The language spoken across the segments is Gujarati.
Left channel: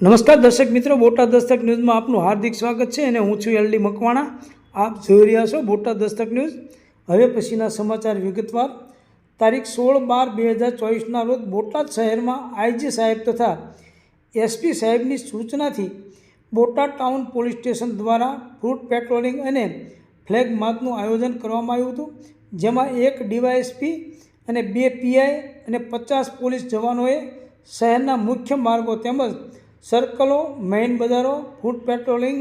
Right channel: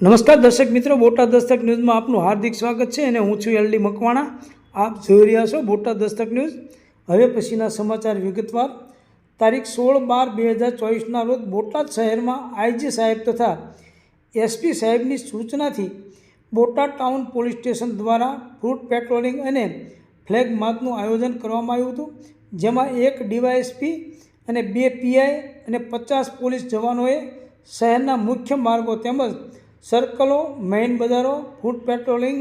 નમસ્કાર દર્શક મિત્રો, બોટાદ દસ્તક ન્યૂઝમાં આપનું હાર્દિક સ્વાગત છે અને હું છું એલડી મકવાણા। આપ જોઈ રહ્યા છો બોટાદ દસ્તક ન્યૂઝ। હવે પછીના સમાચાર વિગતવાર। તારીખ 16/12/2024ના રોજ બોટાદ શહેરમાં આઈજી સાહેબ તથા એસપી સાહેબની સૂચનાથી બોટાદ ટાઉન પોલીસ સ્ટેશન દ્વારા ફૂટ પેટ્રોલિંગ અને ફ્લેગ માર્ચનું આયોજન કરવામાં આવ્યું હતું, જેમાં 1 ડીવાયએસપી અને 2 પીઆઈ અને 50 પોલીસ જવાનોએ શહેરના મુખ્ય માર્ગો તેમજ સર્કલો, મેઇન બજારો ફૂટ પેટ્રોલિંગ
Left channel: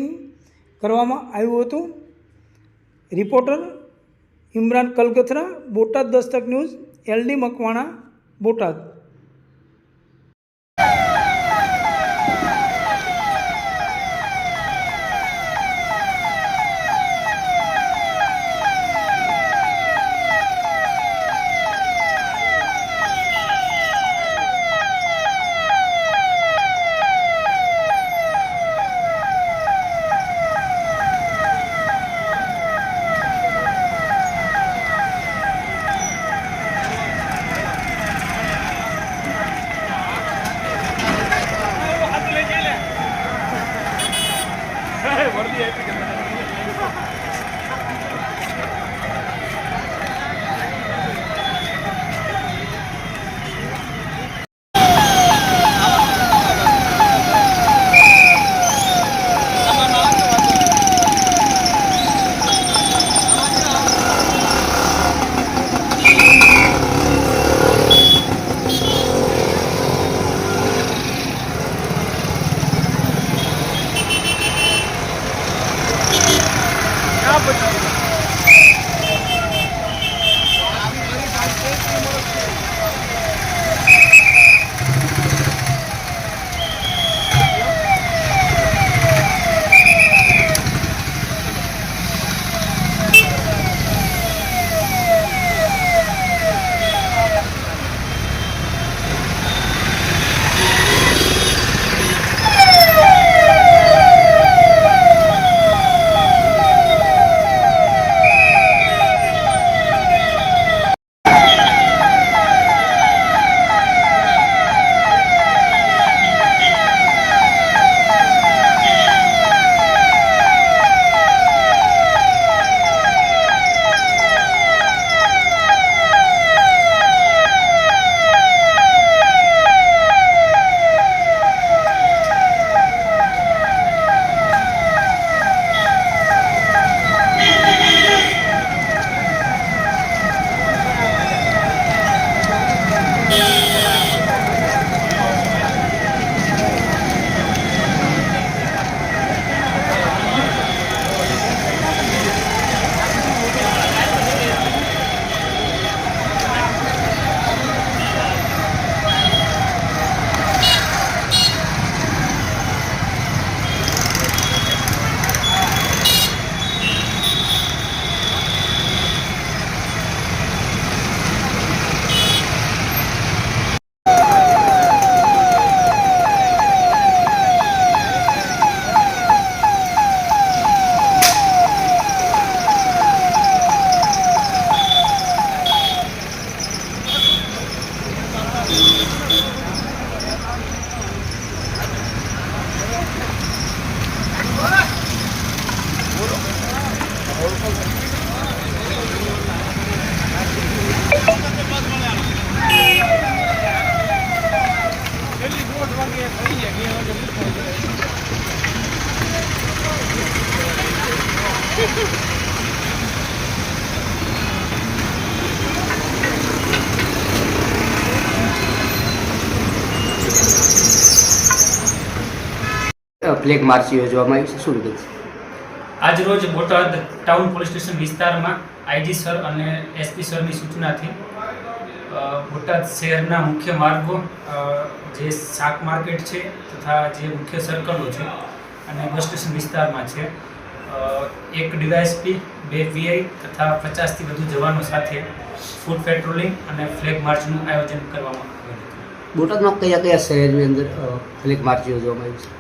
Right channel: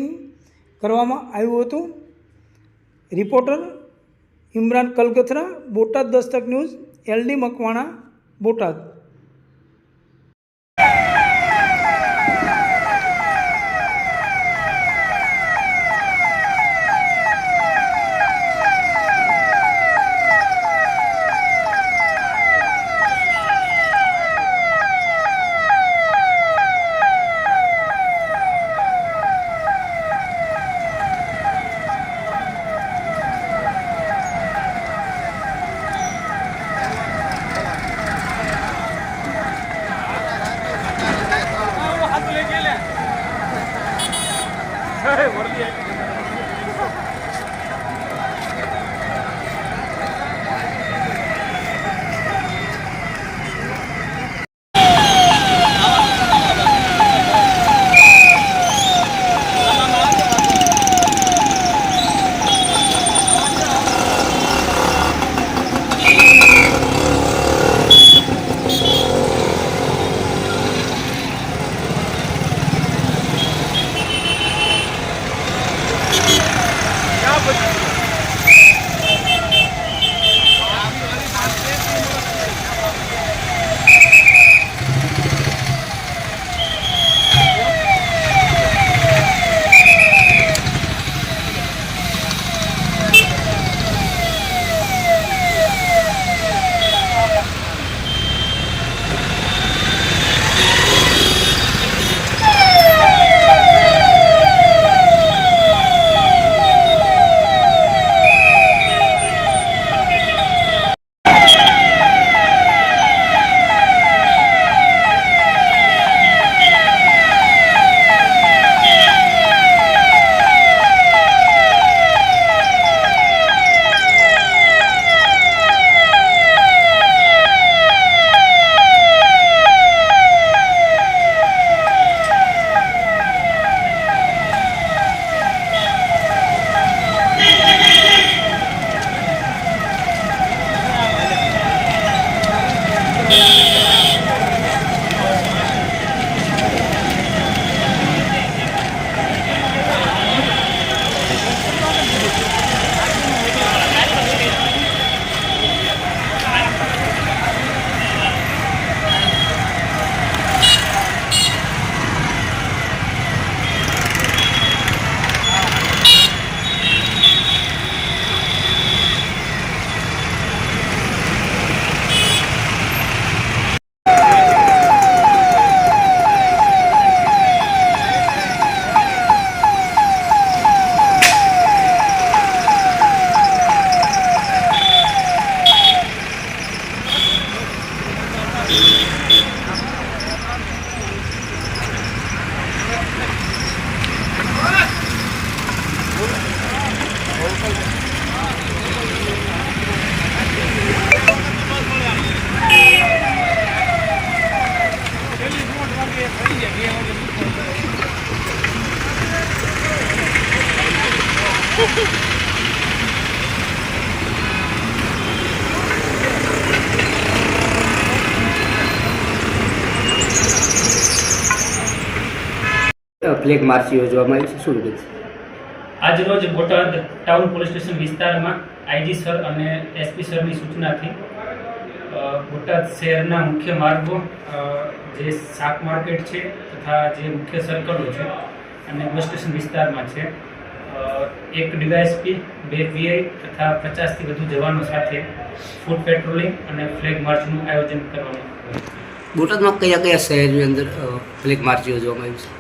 કરવામાં આવ્યું હતું। Reporter Imran Kalgathara, Botad Dastak news, L D Makwana, Botad. Flag march યોજવામાં આવી છે, શું વિગત? આજ રોજ બોટાદ ટાઉન પોલીસ સ્ટેશન વિસ્તારમાં આઈજી સર અને એસપી સરની સૂચનાથી બોટાદ શહેરના મુખ્ય માર્ગો, જે શાક માર્કેટ છે તથા જે મુખ્ય સર્કલો છે અને બસ સ્ટેશન વિસ્તારમાં છે, 1 ડીવાયએસપી, 2 પીઆઈ તથા 50થી વધુ જવાનો સાથે ફૂટ પેટ્રોલિંગ અને ફ્લેગ માર્ચનું આયોજન કરવામાં આવ્યું હતું। બોટાદમાં કયા કયા શહેરની અંદર ફ્લેગ માર્ચ યોજવામાં આવી છે?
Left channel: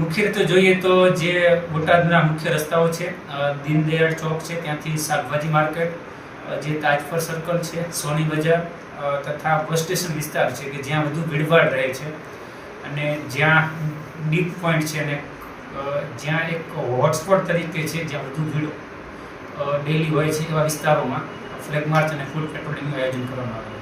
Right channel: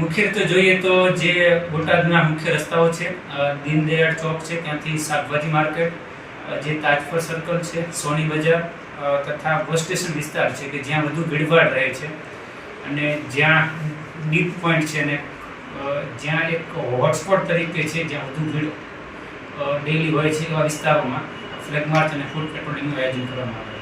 મુખ્ય રીતે જોઈએ તો જે બોટાદના મુખ્ય રસ્તાઓ છે, દીનદયાળ ચોક છે, ત્યાંથી શાકભાજી માર્કેટ, જે તાજપર સર્કલ છે, સોની બજાર તથા બસ સ્ટેશન વિસ્તાર છે કે જ્યાં વધુ ભીડભાડ રહે છે, અને જ્યાં ડીપ પોઈન્ટ છે અને જ્યાં એક હોટસ્પોટ તરીકે છે જ્યાં વધુ ભીડ ડેઈલી હોય છે એવા વિસ્તારોમાં ફ્લેગ માર્ચ અને ફૂડ પેટ્રોલિંગનું આયોજન કરવામાં આવે છે.